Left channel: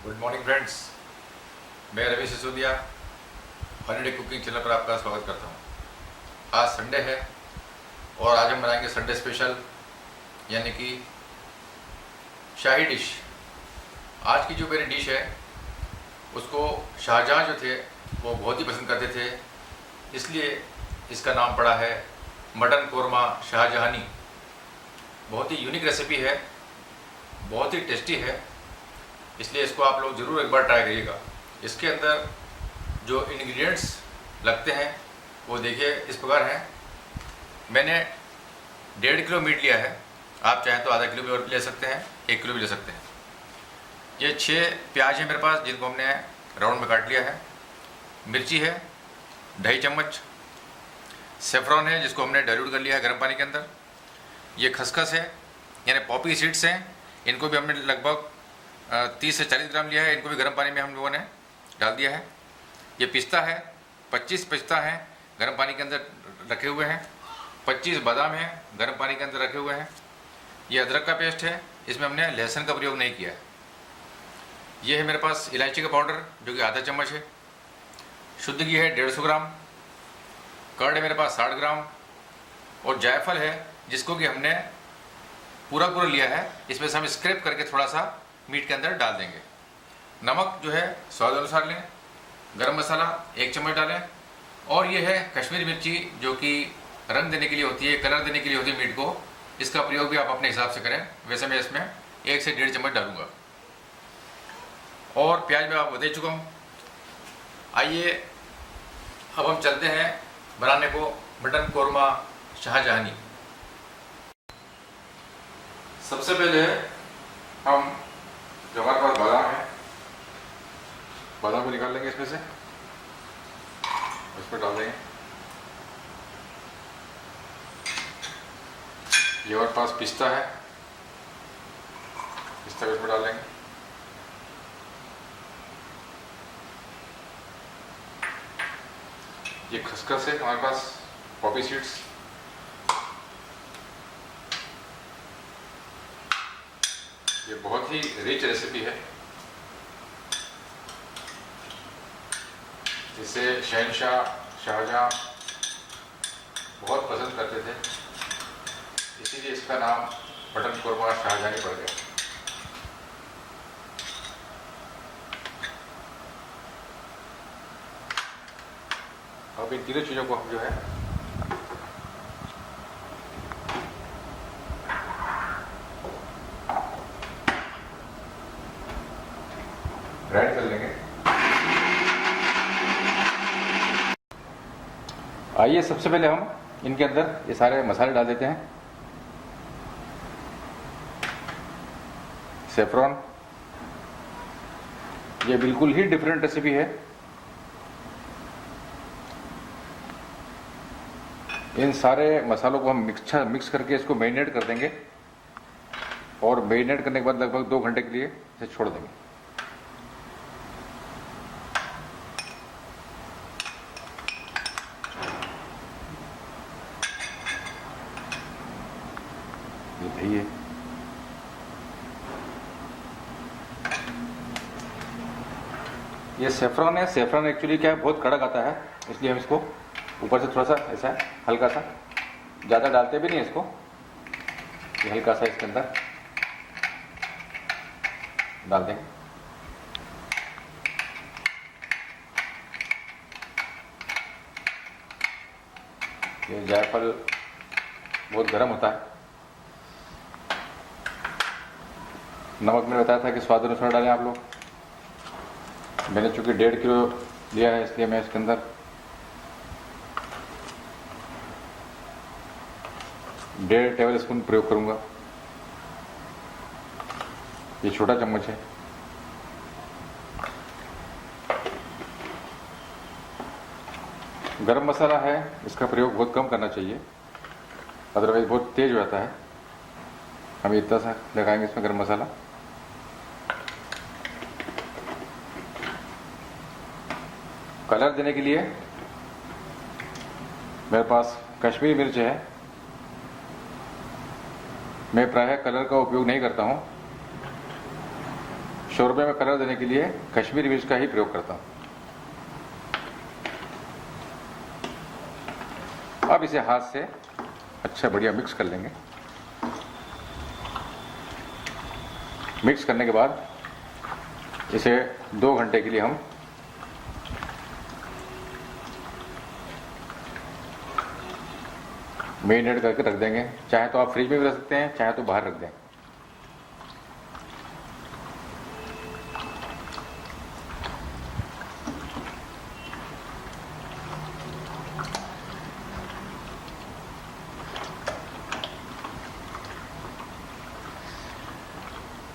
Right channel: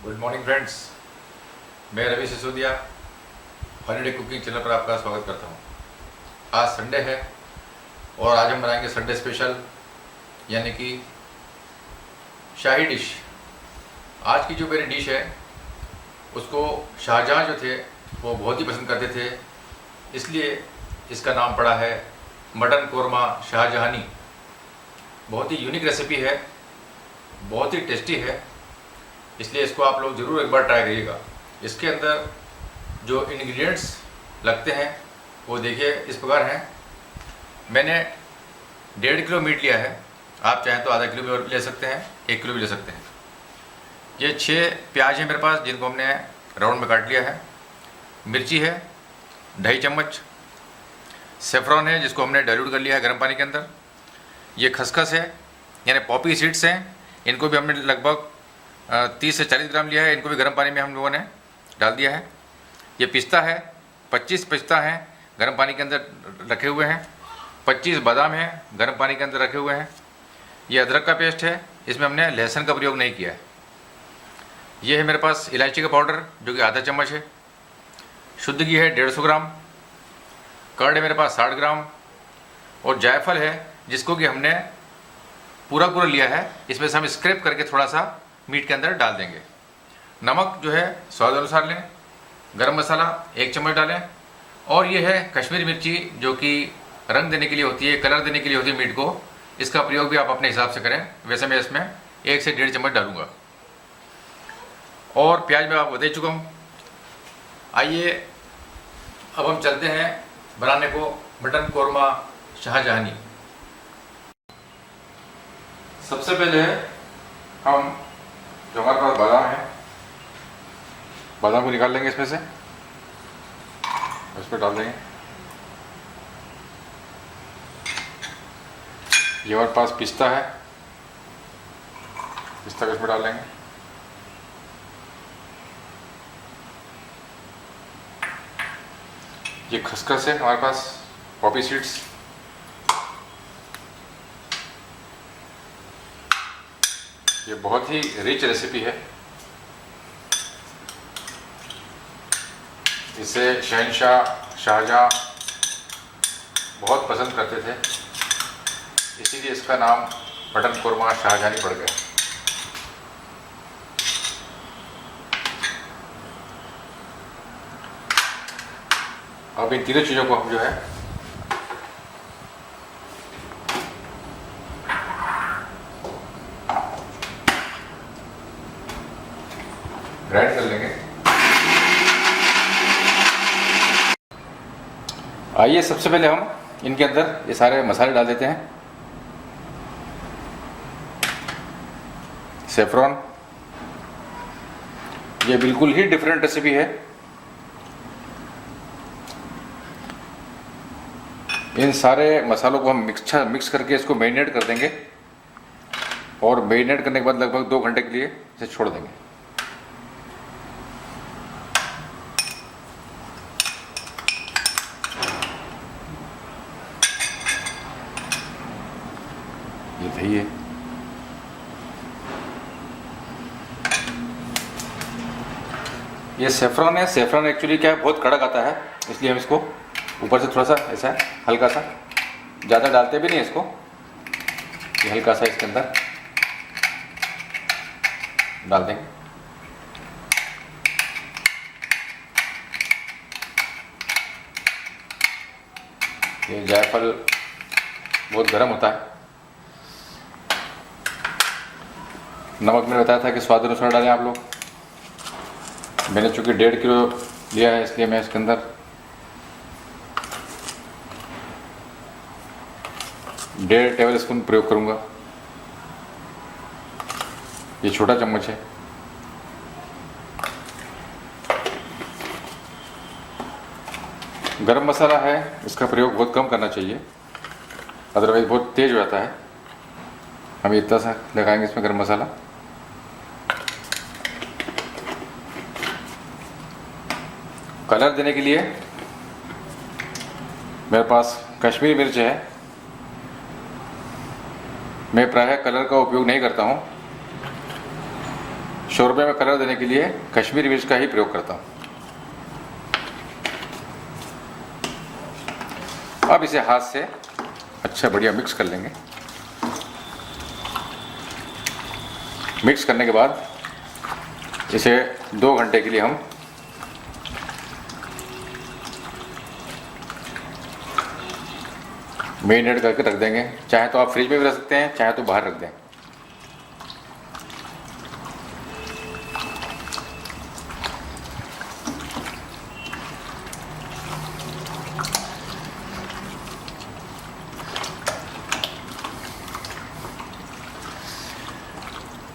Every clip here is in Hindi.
गुड मॉर्निंग फ्रेंड्स, मैं Ravi Sisodia holiday cooking channel पर आपका स्वागत करता हूँ। आज संडे है और आज हम बनाएंगे संडे स्पेशल यानी कि शाही डिश। आज की जो मेरी डिश है उसको शाहजहाँ जो थे वो बहुत ही पसंद करते थे, इसलिए इसका नाम पड़ा है मटन कोरमा शाहजहानी। बहुत ही यूनिक रेसिपी है, बहुत ही टेस्टी है, इसलिए इसको आप लोग ज़रूर एक बार ट्राई करिएगा। इसके अंदर जो इंग्रेडिएंट्स लगते हैं वो देखिए इस प्रकार हैं। मैंने 1.5 किलो मीट लिया है, आप चाहें तो आधा किलो भी ले सकते हैं, 1 किलो भी ले सकते हैं। ये 6 प्याज है मेरे पास, जिनको हमने राउंड में काट लिया है। मिर्ची है 2.5 चम्मच। सेफ्रॉन है जिसको हमने डाइल्यूट कर लिया है गर्म पानी के अंदर। ये खसखस है यानी पॉपी सीड्स हैं, इनको भी हमने लगभग 30 से 40 ग्राम लिया है, इनको भी गर्म पानी में हम लोगों ने डाल दिया है। ये पिस्ता है, 25 पिस्ता हैं गर्म पानी के अंदर रखे हुए हैं। 25 बादाम हैं गर्म पानी के अंदर रखे हुए हैं। ये अदरक का पेस्ट है, इसमें हमने लहसुन का प्रयोग नहीं किया है। ये है मेरे पास इलायची का पाउडर जो कि आधा चम्मच है। शुद्ध घी है 150 ग्राम। कर्ड है मेरे पास 60 ग्राम। और जायफल है जिसको कि हमने पूरा लिया है, इसमें से हम स्क्रैप करके थोड़ा सा मीट के अंदर डाल देंगे। नमक जो है स्वाद अनुसार लें। गरम मसाला 1 चम्मच डालें। और ये है कश्मीरी मिर्ची जो कि रंग देने के लिए होती है, कलर देने के लिए होती है मीट को। इसका प्रयोग भी आप अपने हिसाब से करें, वैसे मैं इसमें 1 से 1.5 चम्मच डालूंगा। और प्याज मैं आपको दे चुका हूँ। आइए अब हम चलते हैं बनाने को मटन कोरमा शाहजहानी। सबसे पहले हम जो हमारे पास बादाम है, बादाम को निकाल लेंगे इसमें से, इस पर डाल देंगे। ये हमारे पास पिस्ता है, पिस्ता को इसमें डाल लेंगे। ये खसखस है हमारे पास, पॉपी सीड्स। ये बहुत ही रिच रेसिपी है, इसे शहंशाह शाहजहाँ बहुत पसंद करते थे, इसीलिए इसका नाम मटन कोरमा शाहजहानी पड़ गया। अब इन तीनों चीज़ों को हम जो है ग्राइंड कर लेंगे। आइए सबसे पहले हम इनके अंदर ये सारे मसाले डाल देते हैं। सेफ्रॉन, ये बिल्कुल ही डिफरेंट रेसिपी है। इन सारे मसालों को हम मिक्स करके इसको मैरिनेट कर देंगे और मैरिनेट करने के बाद लगभग 2 घंटे के लिए इसे छोड़ देंगे। ये दही है, ये सेफ्रॉन है। सेफ्रॉन एक्चुअली क्या है, बहुत कड़क आता है, इसलिए हम इसको ऊपर से थोड़ा सा ऐसा हल्का सा, ज़्यादा डालते भी नहीं इसको, ये हल्का सा इसके अंदर डाल देंगे। ये जायफल बहुत गर्म होता है। नमक मैंने बताया था कि स्वाद अनुसार डालें आप लोग। मैंने चूँकि 1.5 किलो लिया है इसलिए मैं इसके अंदर 1.5 टेबल स्पून प्रयोग करूँगा। ये छोटा चम्मच है। गरम मसाला है, इसका प्रयोग बहुत कम करना चाहिए, अदरवाइज बहुत तेज हो जाता है। हम इतना सा लगाएंगे इसमें गरम मसाला। कलर देने के लिए मेरे पास कश्मीरी मिर्च है, मैं प्रायः कलर का उपयोग नहीं करता हूँ। शोरबे में कलर देने के लिए कश्मीरी मिर्च का ही प्रयोग करता हूँ। अब इसे हाथ से अच्छा बढ़िया मिक्स कर लेंगे। मिक्स करने के बाद इसे 2 घंटे के लिए हम मैरिनेट करके रख देंगे। चाहे तो आप फ्रिज में भी रख सकते हैं, चाहे तो बाहर रख दें।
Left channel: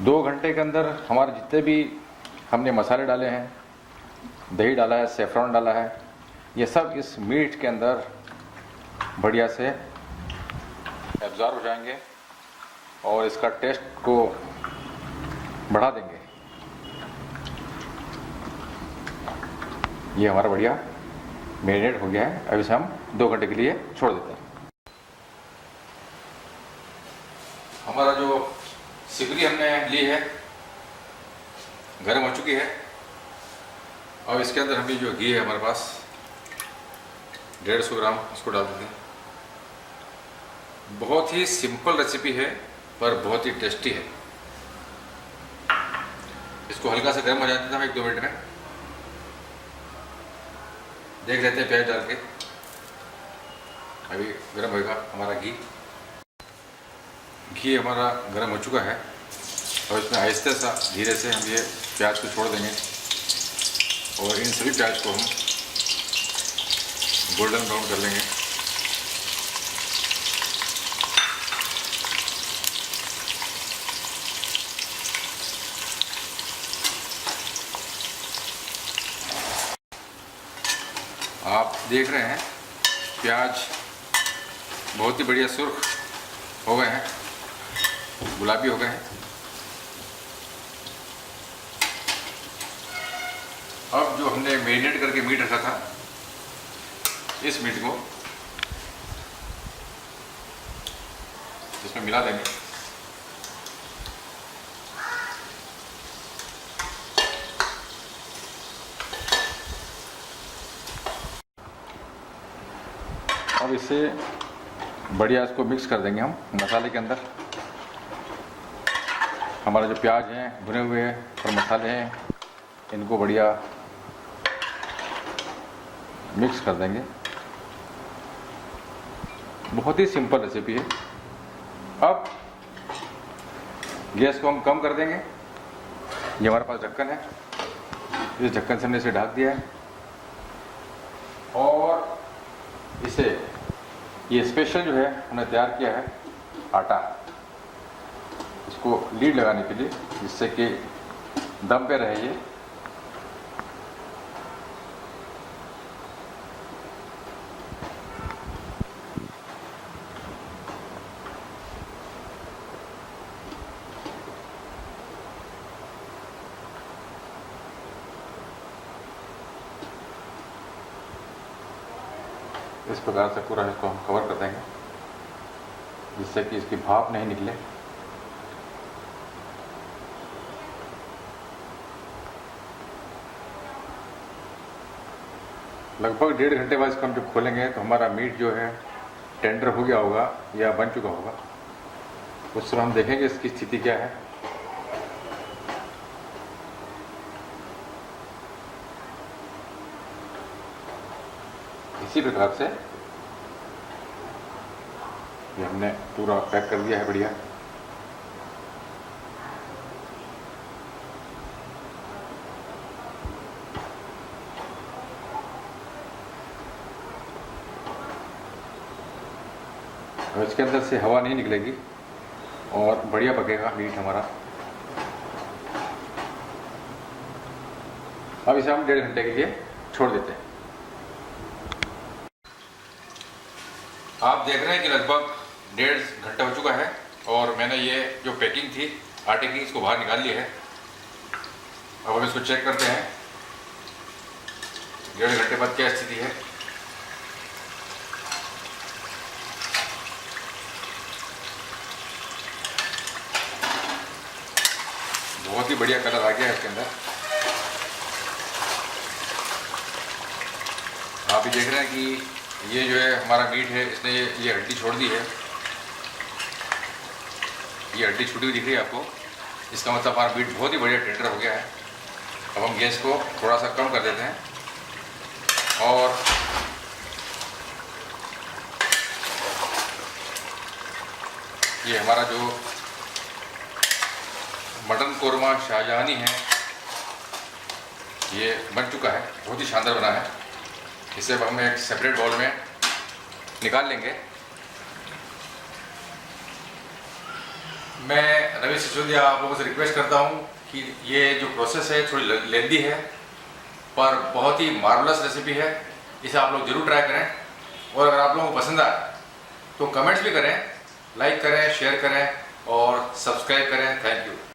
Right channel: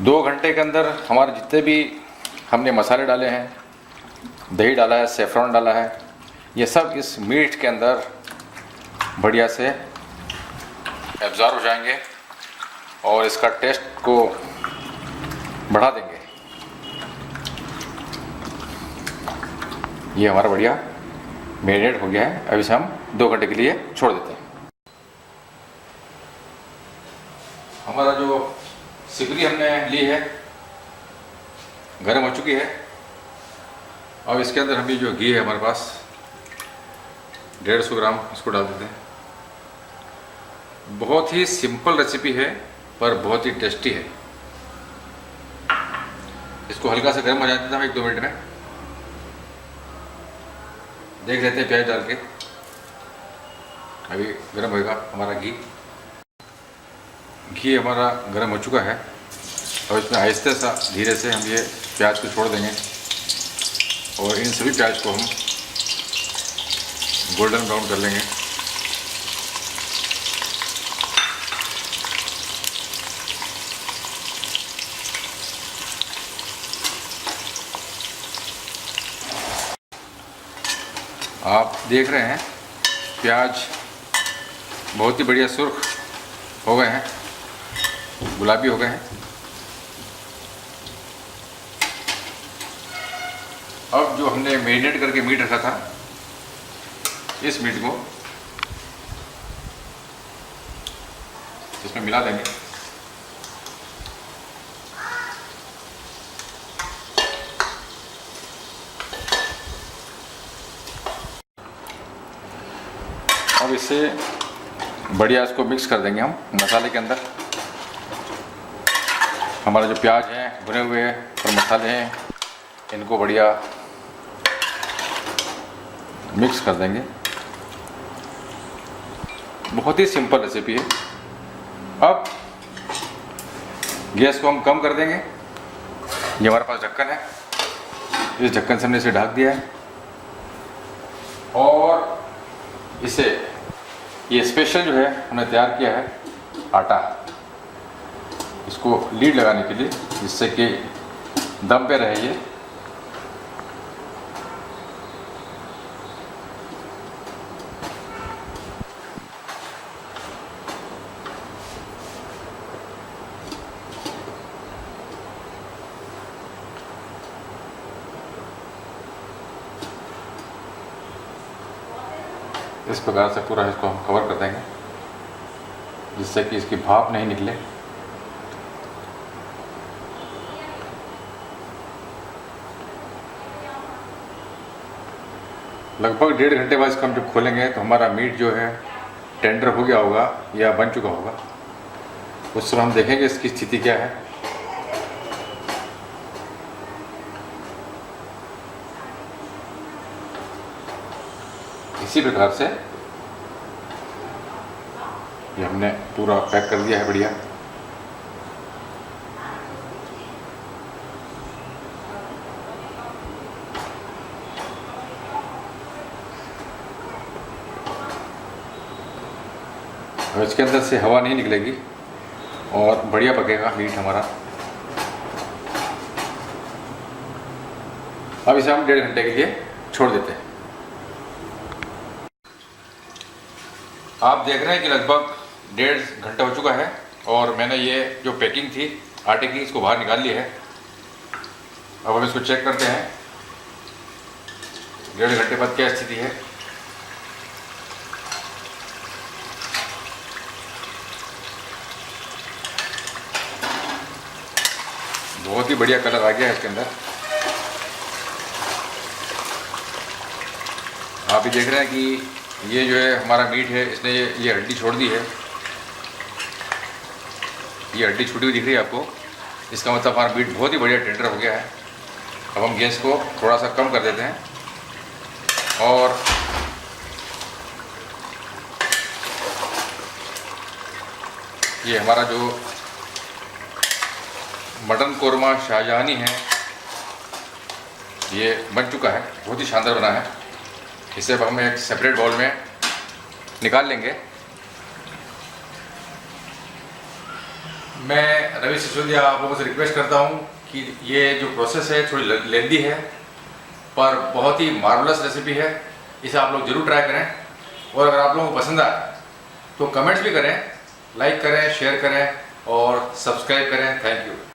दो घंटे के अंदर हमारे जितने भी हमने मसाले डाले हैं, दही डाला है, सेफ्रॉन डाला है, ये सब इस मीट के अंदर बढ़िया से एब्जॉर्ब हो जाएंगे और इसका टेस्ट को बढ़ा देंगे। ये हमारा बढ़िया मैरिनेट हो गया है। अब इसे हम 2 घंटे के लिए छोड़ देते हैं। हमारा जो सिपरी हमने ली है गर्म हो चुकी है। अब इसके अंदर हम जो घी है हमारे पास 150 ग्राम, इसको डाल देते हैं। बहुत ही सिंपल रेसिपी है पर बहुत ही टेस्टी है। इसको हल्का सा गर्म हो जाते हैं हम 1-2 मिनट में। देख लेते हैं प्याज डाल के। अभी गर्म होएगा हमारा घी। घी हमारा गर्म हो चुका है और इसमें आहिस्ते सा धीरे से हम ये प्याज को छोड़ देंगे और इन सभी प्याज को हम गोल्डन ब्राउन कर लेंगे। आप देख रहे हैं प्याज बहुत ही बढ़िया सुर्ख हो गए हैं, गुलाबी हो गए हैं। अब जो हमने मैरिनेट करके मीट रखा था, इस मीट को इसमें मिला देंगे। अब इसे बढ़िया इसको मिक्स कर देंगे हम मसाले के अंदर। हमारा जो प्याज हैं भुने हुए हैं और मसाले हैं, इनको बढ़िया मिक्स कर देंगे। बहुत ही सिंपल रेसिपी है। अब गैस को हम कम कर देंगे। ये हमारे पास ढक्कन है, इस ढक्कन से हमने इसे ढक दिया है और इसे ये स्पेशल जो है हमने तैयार किया है आटा, इसको लीड लगाने के लिए, जिससे कि दम पे रहे ये। इस प्रकार से पूरा इसको हम कवर कर देंगे, जिससे कि इसकी भाप नहीं निकले। लगभग 1.5 घंटे बाद इसको हम जब खोलेंगे तो हमारा मीट जो है टेंडर हो गया होगा या बन चुका होगा। उस समय हम देखेंगे इसकी स्थिति क्या है। इसी प्रकार से ये हमने पूरा पैक कर दिया है बढ़िया। और इसके अंदर से हवा नहीं निकलेगी और बढ़िया पकेगा मीट हमारा। अब इसे हम 1.5 घंटे के लिए छोड़ देते हैं। आप देख रहे हैं कि लगभग 1.5 घंटा हो चुका है और मैंने ये जो पैकिंग थी आटे की, इसको बाहर निकाल लिया है। अब हम इसको चेक करते हैं 1.5 घंटे बाद क्या स्थिति है। बहुत ही बढ़िया कलर आ गया है इसके अंदर। आप भी देख रहे हैं कि ये जो है हमारा मीट है, इसने ये हड्डी छोड़ दी है। ये हड्डी छूटी हुई दिख रही है आपको, इसका मतलब हमारा मीट बहुत ही बढ़िया टेंडर हो गया है। अब हम गैस को थोड़ा सा कम कर देते हैं और ये हमारा जो मटन कोरमा शाहजहानी है ये बन चुका है, बहुत ही शानदार बना है। इसे अब हम एक सेपरेट बाउल में निकाल लेंगे। मैं रवि सिसोदिया आप लोगों से रिक्वेस्ट करता हूँ कि ये जो प्रोसेस है थोड़ी लेंदी है पर बहुत ही मार्वलस रेसिपी है। इसे आप लोग ज़रूर ट्राई करें और अगर आप लोगों को पसंद आए तो कमेंट्स भी करें, लाइक करें, शेयर करें और सब्सक्राइब करें। Thank you.